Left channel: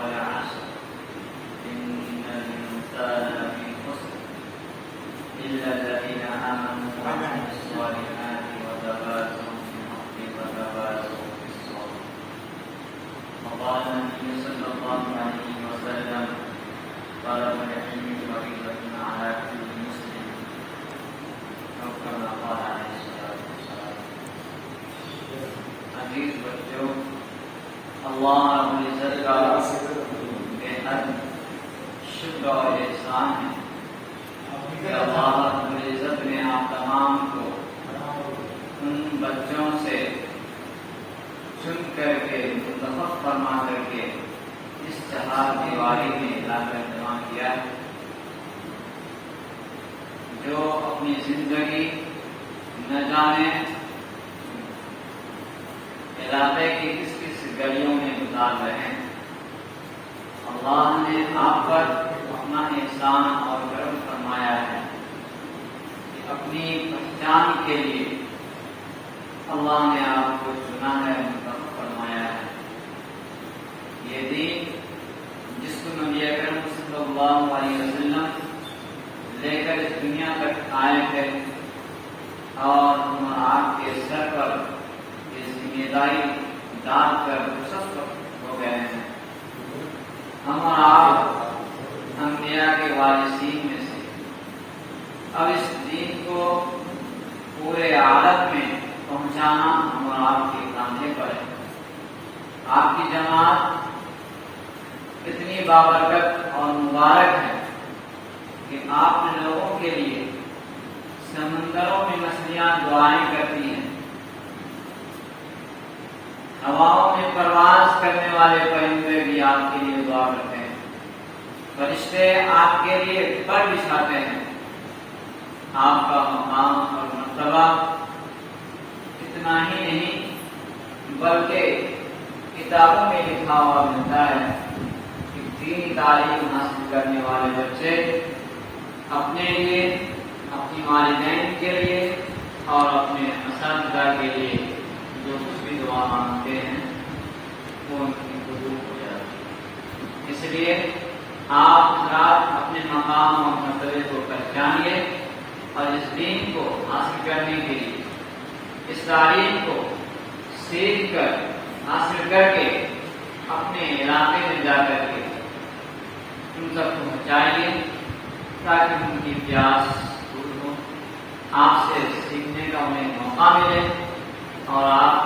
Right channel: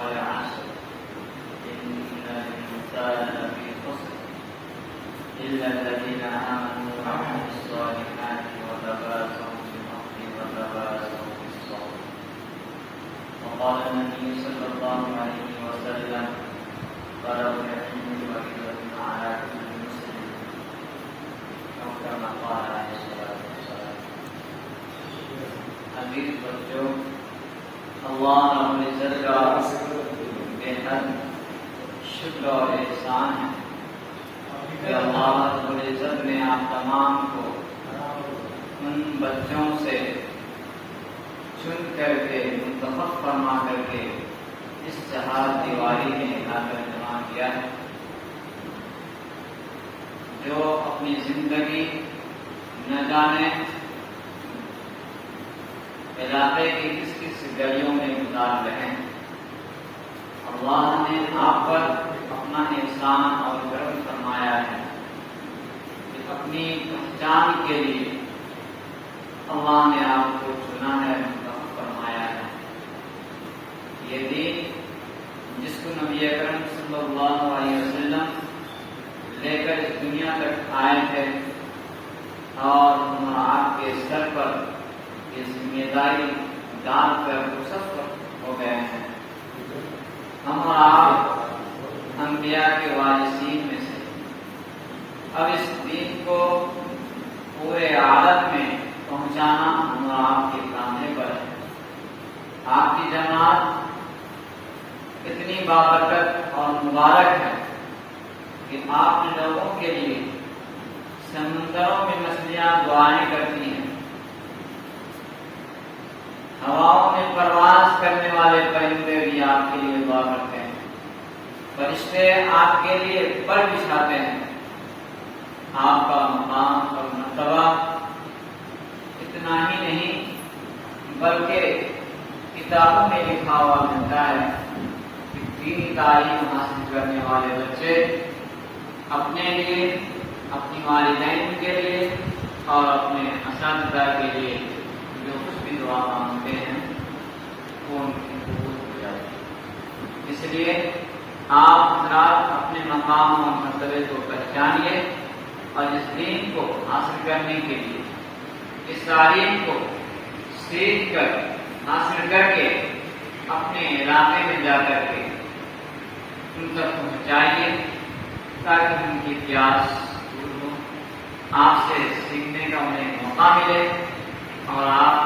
والعصر إن الإنسان لفي خسر إلا الذين آمنوا وعملوا الصالحات وتواصوا بالحق وتواصوا بالصبر. وقال النبي صلى الله عليه وسلم طلب العلم فريضة على كل مسلم أو كما قال عليه الصلاة والسلام. عزیز بچوں، اللہ رب العزت کا بے حد شکر اور احسان ہے کہ اللہ رب العزت نے آپ تمام کو ان بچوں سے چن کر کے منتخب فرما کر کے اس چہار دیواری میں لا کر جمع کیا ہے، جو اپنی زندگی نہ جانے علاقے کی کس کس گلیوں میں گزار رہے ہیں۔ اللہ نے آپ پر اپنا احسان اور کرم فرمایا ہے کہ اپنی پہچان کے لیے اللہ نے آپ کو چنا ہے، منتخب فرمایا ہے۔ یہ دین جس کو نبی اکرم صلی اللہ علیہ وسلم لے کر اس دنیا تک آئے تھے اور آپ کے سر پر یہ ذمہ داری ڈال کر رخصت ہو گئے ہیں۔ ہم اور آپ انبیاء کے وارثین میں سے، اب اس دین کو پورے عالم میں پہنچانا ہم اور آپ کے کاندھے پر ہے۔ آپ کی جماعت اتنی بابرکت اور مبارک ہے کہ آپ نے لوگوں کے لیے سمندروں میں مچھلیاں دعائیں کرتی ہیں، ہواؤں میں پرواز کرنے والے پرندے بھی آپ کے لیے دعا کرتے ہیں، فرشتے آپ کے لیے پر بچھاتے ہیں۔ آپ کا مقام اور مرتبہ اتنا ہی نہیں بلکہ کتابوں میں لکھا ہوا ملتا ہے کہ دینی تعلیم حاصل کرنے والے بچے اپنے لیے، اپنی والدین کے لیے اور اپنے اساتذہ کے لیے جو کچھ بھی دعا مانگتے ہیں وہ ان کی قبول ہو جاتی ہے۔ اس لیے آپ حضرات اپنے مقام اور مرتبے کو پہچانیے اور اس دین کو حاصل کرنے کے لیے اس تعلیم کو سیکھ کر حاصل کر کے اپنے علاقے میں جا کر کے ان تک پہنچائیے تاکہ ان کی پیاس پور ہو، آپ سے سیکھنے کا انہیں موقع ملے اور آپ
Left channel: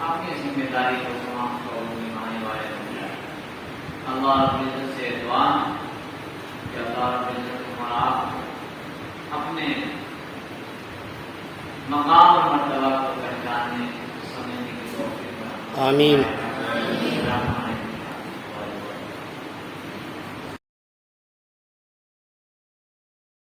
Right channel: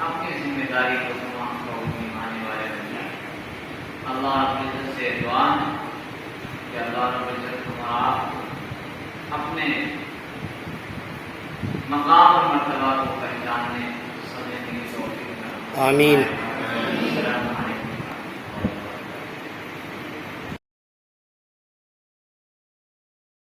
اپنی ذمہ داری کو تمام کو نبھانے والے بن جائیں۔ اللہ رب العزت سے دعا ہے کہ اللہ رب العزت تمہارا آپ اپنے مقام اور مرتبہ کو پہچاننے سمجھنے کی توفیق عطا فرمائے۔ آمین۔